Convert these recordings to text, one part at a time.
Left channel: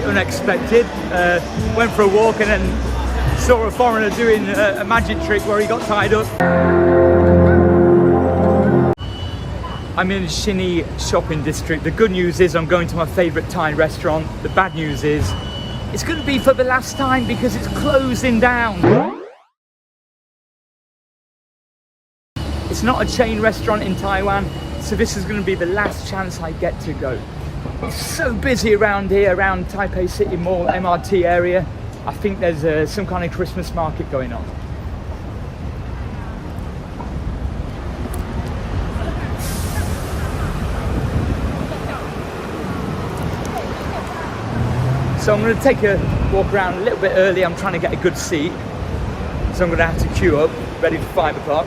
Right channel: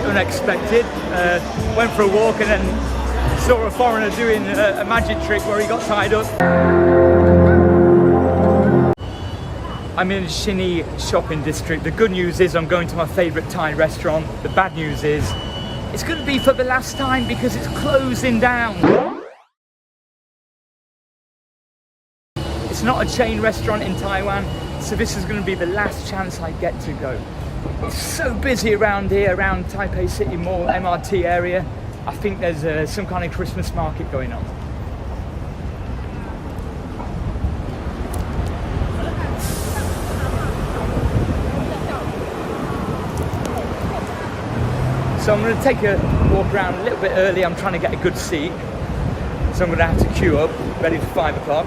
bit unexpected. Went for a walk and then saw a foreigner doing a magic trick where he got tied up. I'm in Xinyi Shopping District. The good news is I'm going to my favourite Thai restaurant. The bad news is it's going to be for the last time because it's closing down. It's not a chain restaurant in Taiwan, so this is going to be the last chance I get to go. It's so busy around here, around Taipei City Mall, MRT area. I think there's some kind of Christmas market going on. So I'm going to take a walk around a little bit early. I'm trying to get a good seat. So I'm going to have to queue up, ready for 5 o'clock.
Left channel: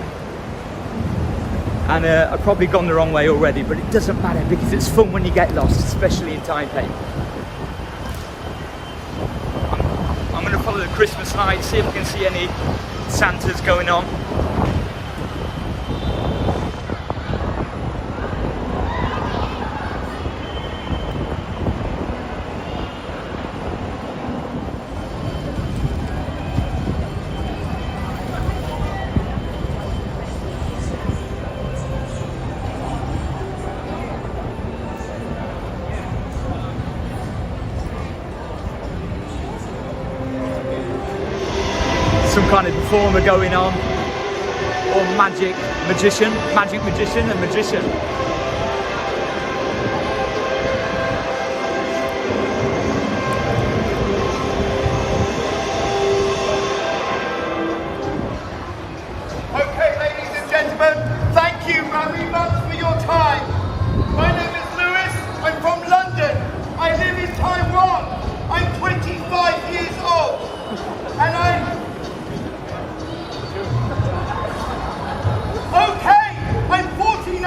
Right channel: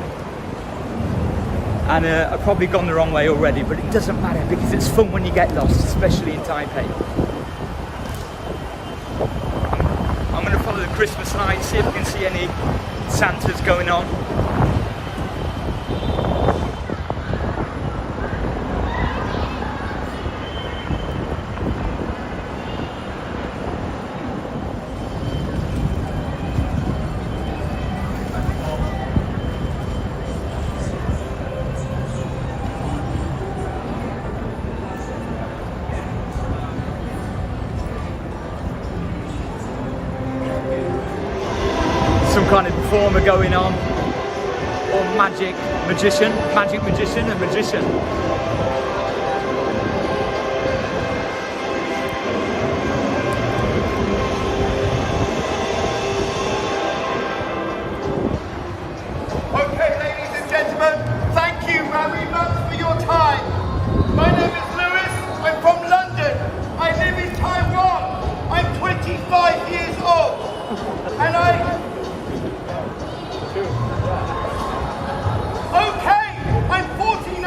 And I've probably gone the wrong way already, but it doesn't matter because it's fun when you get lost, especially in Taipei. I'm going to follow the Christmas lights, see if I can see any Santas going on. Some kind of performer going on, or magic magician and magician. Okay, ladies and gentlemen, thank you very much for your time. My name is Lewis, I'm from London. I live in Taiwan. I'm 25 years old. And Okay, I'm 49.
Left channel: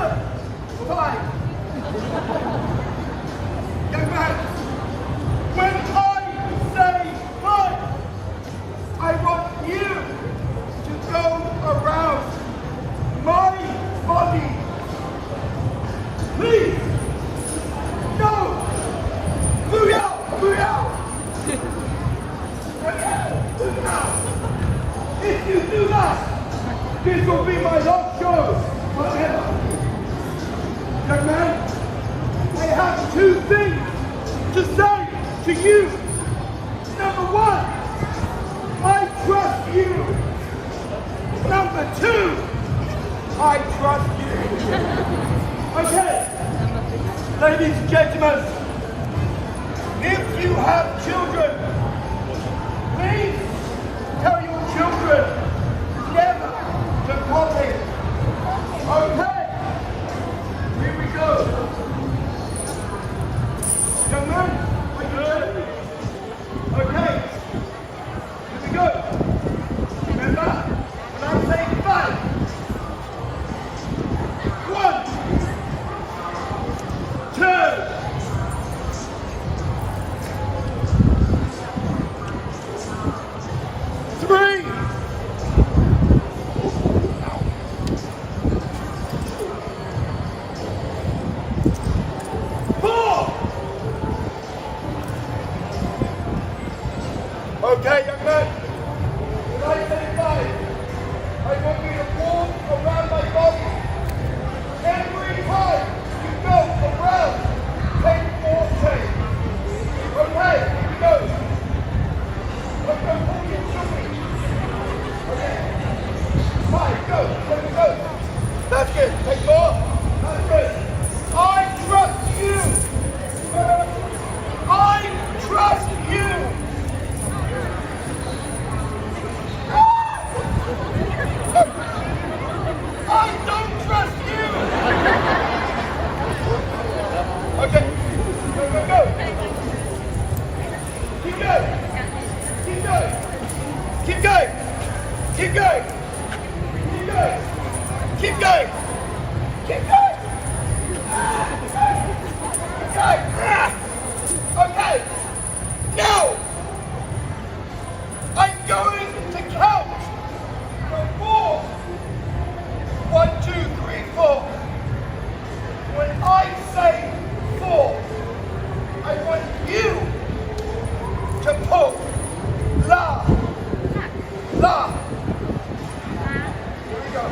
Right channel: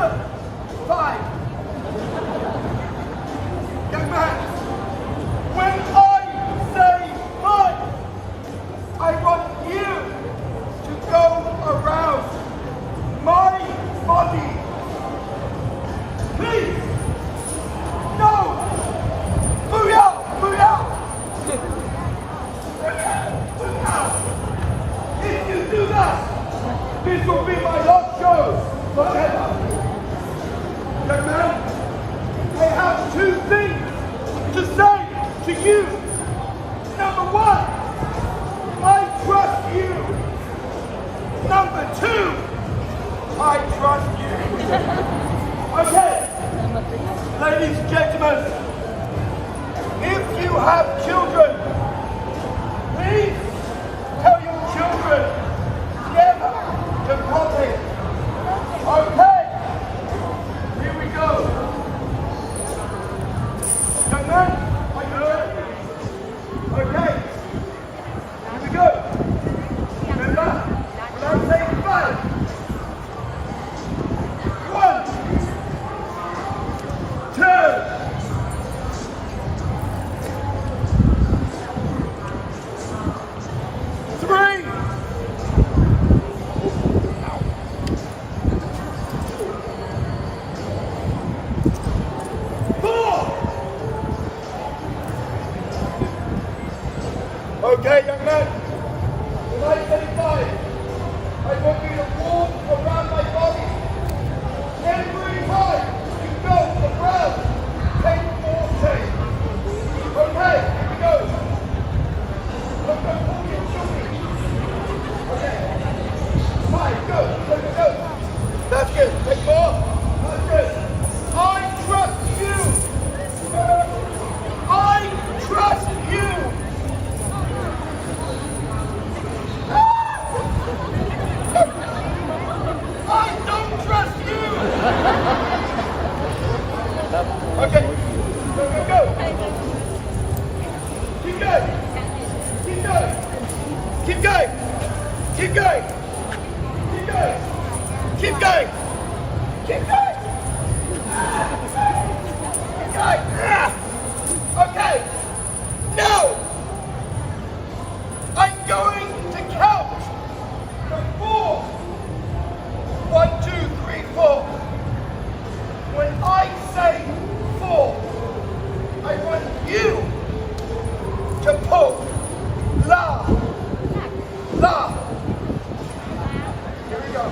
Fine. Young man, when I say fine, I want you to go around my body. Please. No. Move out. Move out. Move out. If you do that, this will be my last show forever. Young man, I have two things to say to you. Number one, I trust you. Number two, I trust you. Okay, ladies and gentlemen, if you have children, please tell your children never to copy. Okay, here we go. Young man, okay, here we go. Remember, when I say 5, 1, 2. Okay, young man, when I say 5, I want you to walk around my body. Every time you go around, take 4 steps. Okay, here we go. Let's go, pull your children. Okay, 5, go, go. That's good, take 4. That's good. I trust you. I trust you. I don't trust you! Okay, go. Keep going. Keep going. Keep going. Keep going. Keep going. Keep going. Keep going. Keep going. Okay, now I'm going to count from 4. 1, 2, 3, 4. When I say 4, I want you to pull la. Here we go.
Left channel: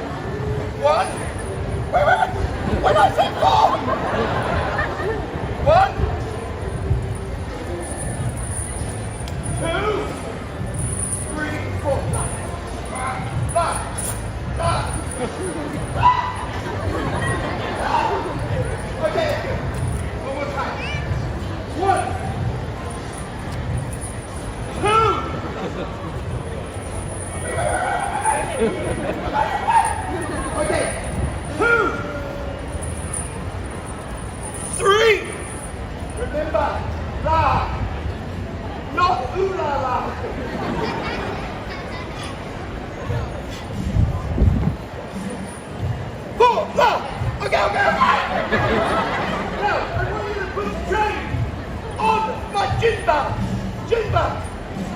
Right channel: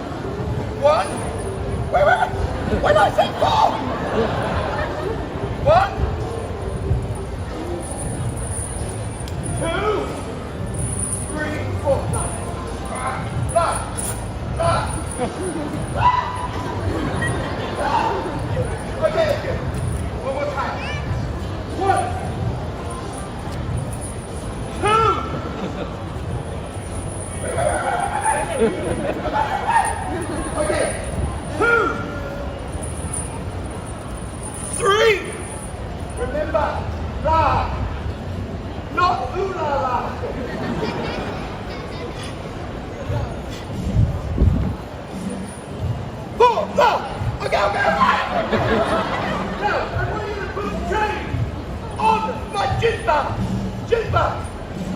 1. Wait. When I say 4. 1, 2, 3, 4. La. Okay, good. One more time. 1, 2. Okay. 2, 3. Remember, la, not ooh la la. 4, la. Okay. Now, I want you to put a chain on my Jinba.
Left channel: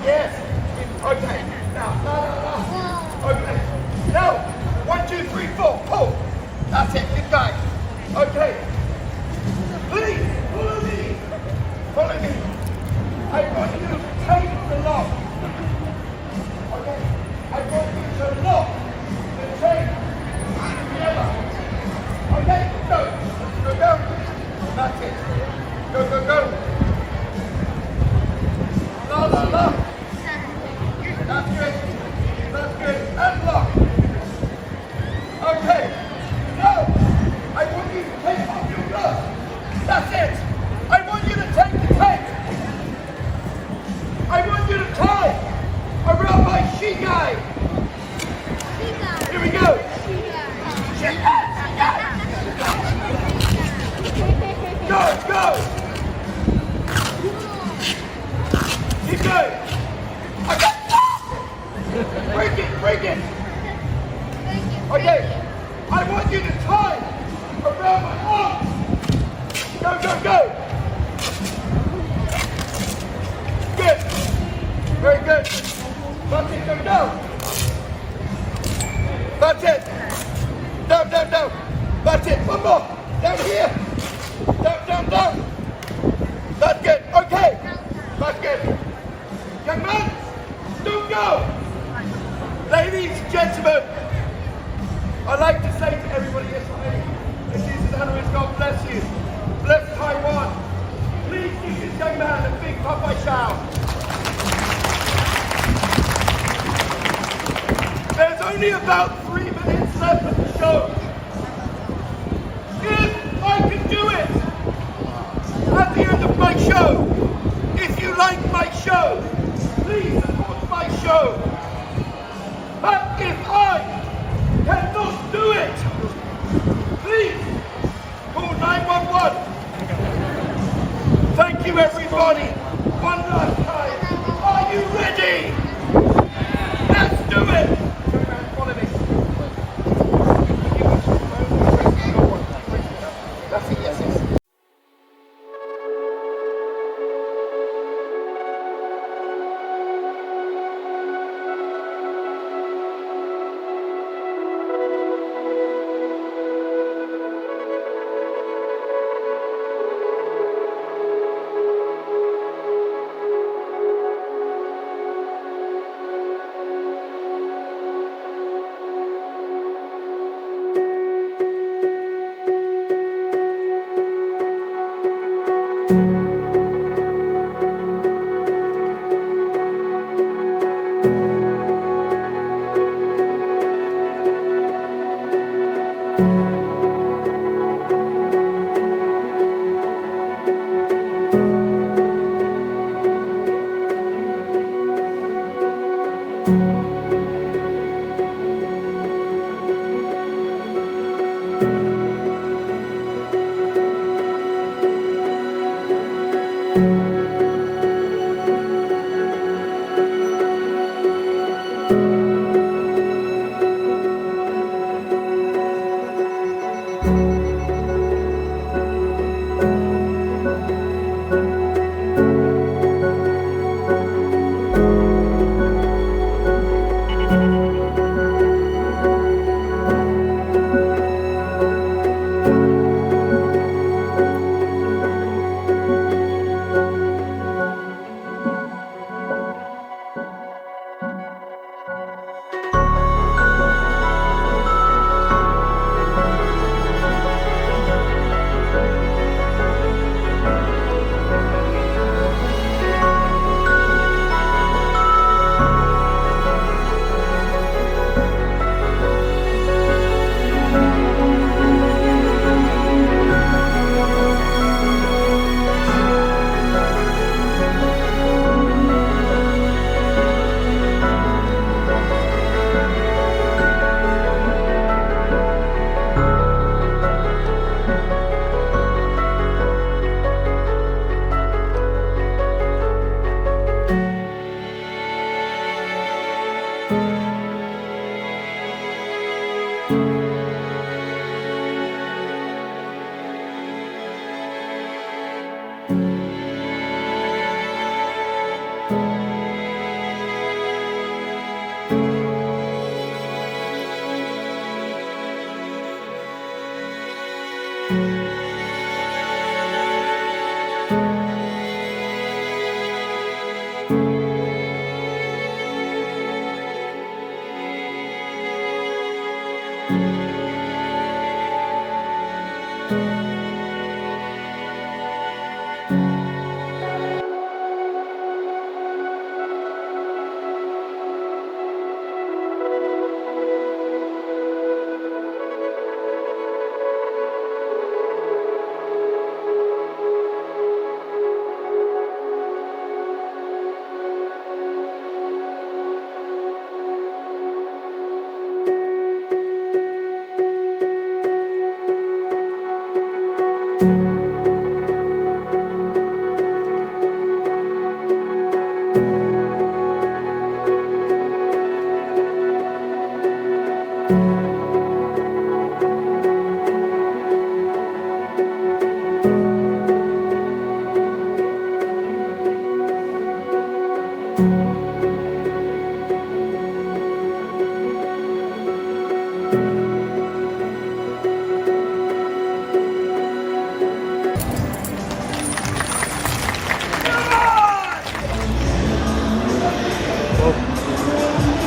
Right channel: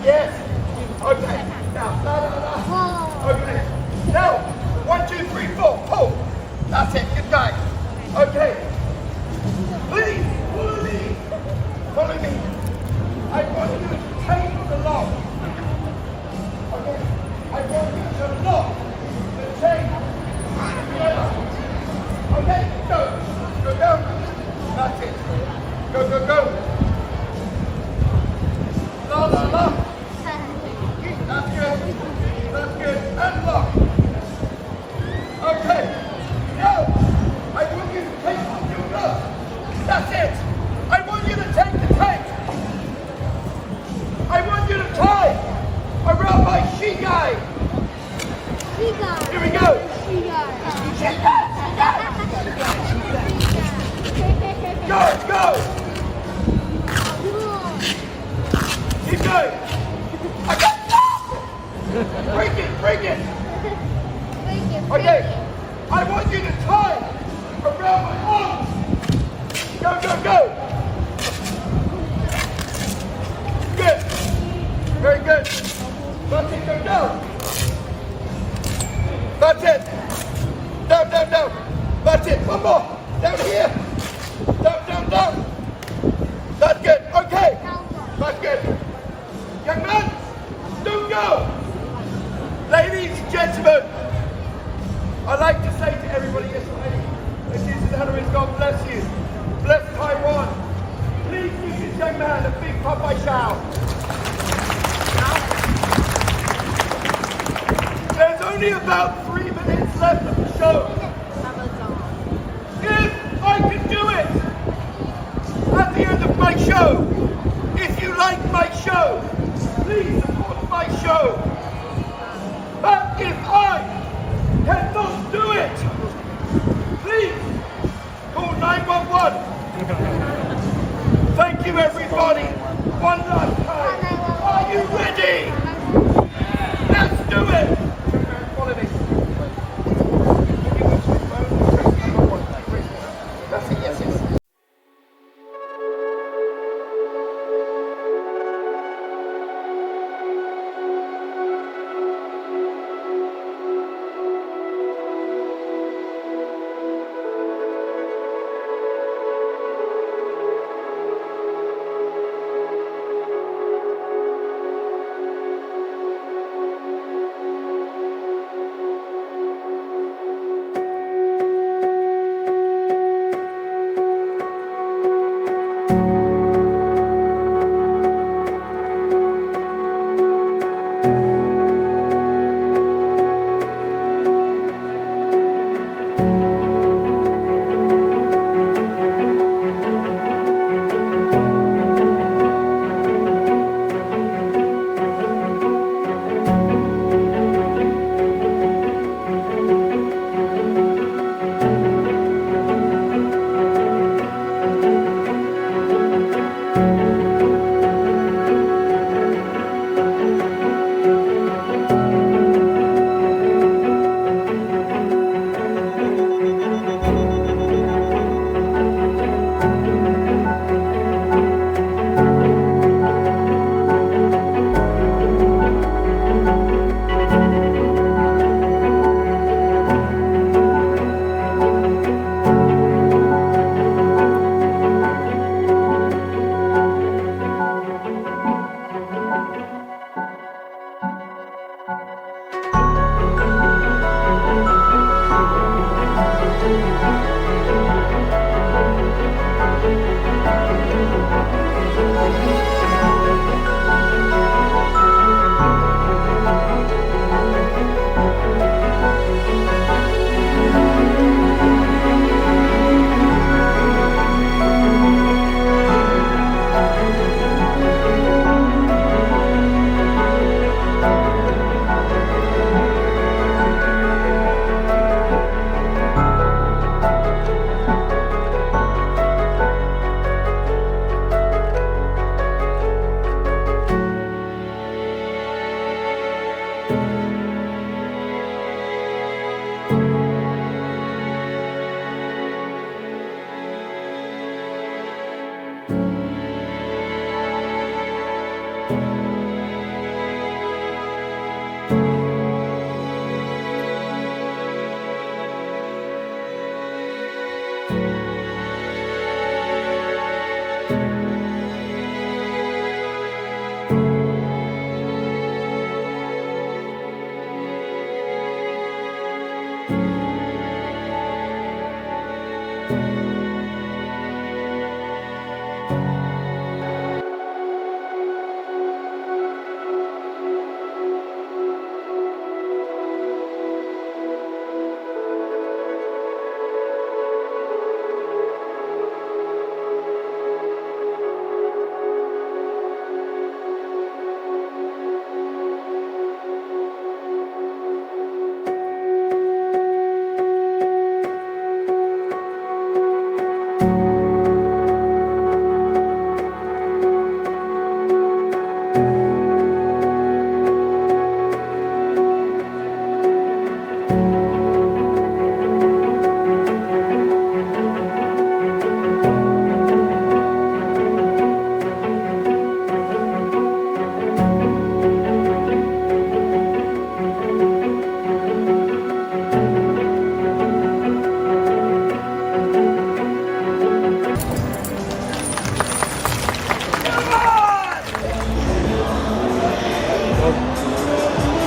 Yes. Okay. Now, la. Okay. Now, 1, 2, 3, 4. Pull. That's it. Good guy. Okay. Please, follow me. I want you to take the lock. Okay. I want you to lock the chain together. Okay, go. That's it. Go. La. That's good. And lock. Okay. Now, I want you to take off your glove. That's it. I want you to take the tape. I want you to tie around my shigai. Here we go. Shigai. Go. Keep going. I got break it. Okay. I want you to tie down. That's it. One more. Down here. Down, down, down. That's good. Okay. That's good. Young man, don't go. Ladies and gentlemen, I'd like to say to everybody yesterday, this is Hannah, God bless you. Bless Taiwan. Please give this young man a big Popeye shout. There's only about 3 minutes left of the show. If I can do it at the end of my show, if you like my show, please support my show. But if I cannot do it, please call 911. Thank you, everybody. One last time. Are you ready? Let's do it. Follow me. That's it, yes, yes.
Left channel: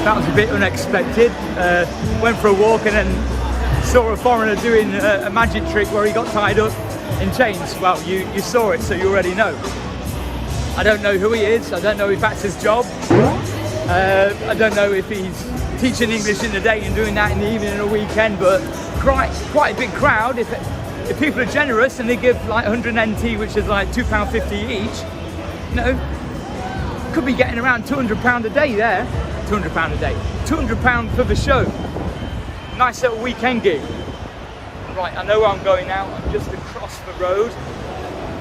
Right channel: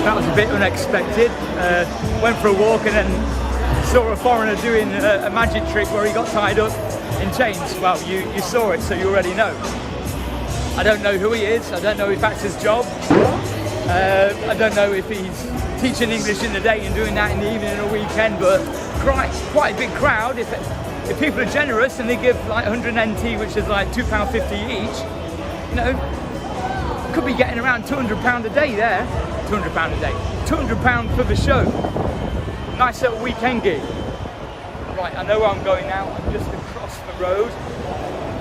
That was a bit unexpected. Went for a walk and then saw a foreigner doing a magic trick where he got tied up in chains. Well, you saw it, so you already know. I don't know who he is. I don't know if that's his job. I don't know if he's teaching English in the day and doing that in the evening or weekend, but quite a big crowd. If people are generous and they give like 100 NT, which is like £2.50 each, you know, could be getting around £200 a day there. £200 a day. £200 for the show. Nice little weekend gig. Right, I know where I'm going now. I'm just across the road.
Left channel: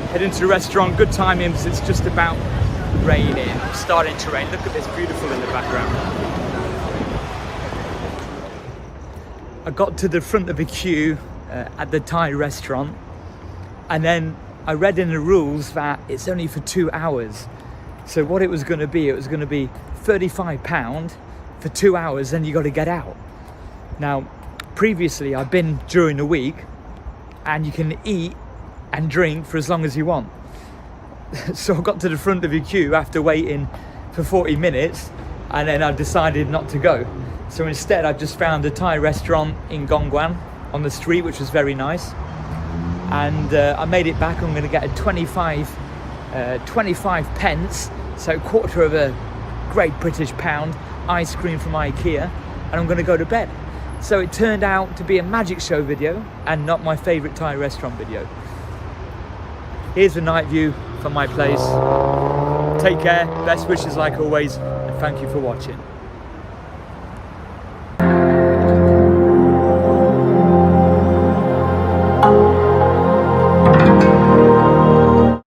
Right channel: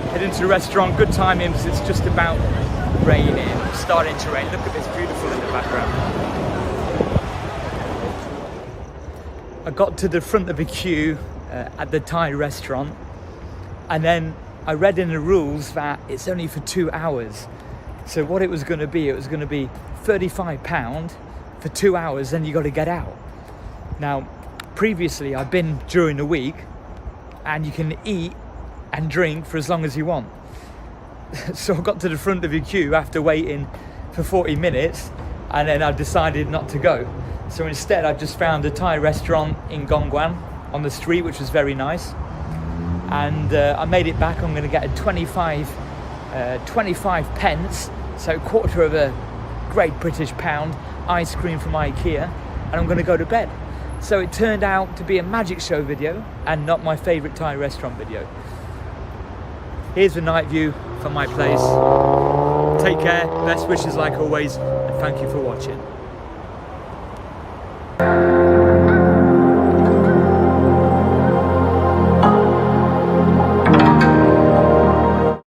Heading to the restaurant. Good timing because it's just about raining or starting to rain. Look at this, beautiful in the background. I got to the front of the queue at the Thai restaurant, and then I read in the rules that it's only for 2 hours. So what it was going to be £35 for 2 hours, then you got to get out. Now, previously I've been during the week, and you can eat and drink for as long as you want. So I got to the front of the queue after waiting for 40 minutes, and then I decided not to go. So instead I just found a Thai restaurant in Gongguan on the street, which was very nice. And I made it back. I'm going to get a 25 pence, so quarter of a Great British pound, ice cream from IKEA, and I'm going to go to bed. So it turned out to be a magic show video and not my favourite Thai restaurant video. Here's the night view from my place. Take care, best wishes like always, and thank you for watching.